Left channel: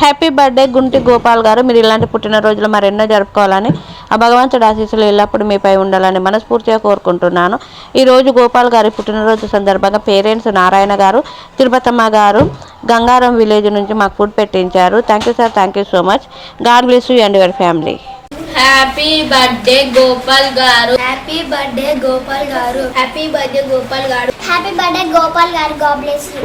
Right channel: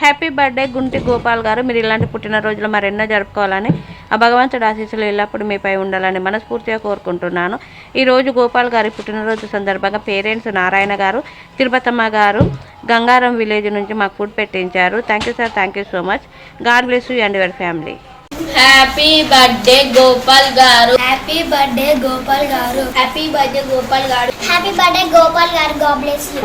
Happy birthday Gunti గోపాల్ గారు. మీరు ఇలాంటి పుట్టినరోజులు మరెన్నో జరుపుకోవాలని ఆ భగవంతుడి ఆశీస్సులు ఎల్లప్పుడూ మీపై ఉండాలని మనస్ఫూర్తిగా కోరుకుంటున్నాను. ఈరోజు గోపాల్ గారి పుట్టినరోజు సందర్భంగా పేరెంట్స్ నారాయణ గారు, తిరుపతమ్మ గారు గంగారం విలేజ్ నుంచి మాకు ఫుడ్ పెట్టించారు. Thank you sir, thank you so much. God bless you and your family. Happy birthday Gopal garu. Happy birthday Gopal garu. Happy birthday Gopal garu. Happy birthday Gopal గారు. God bless you.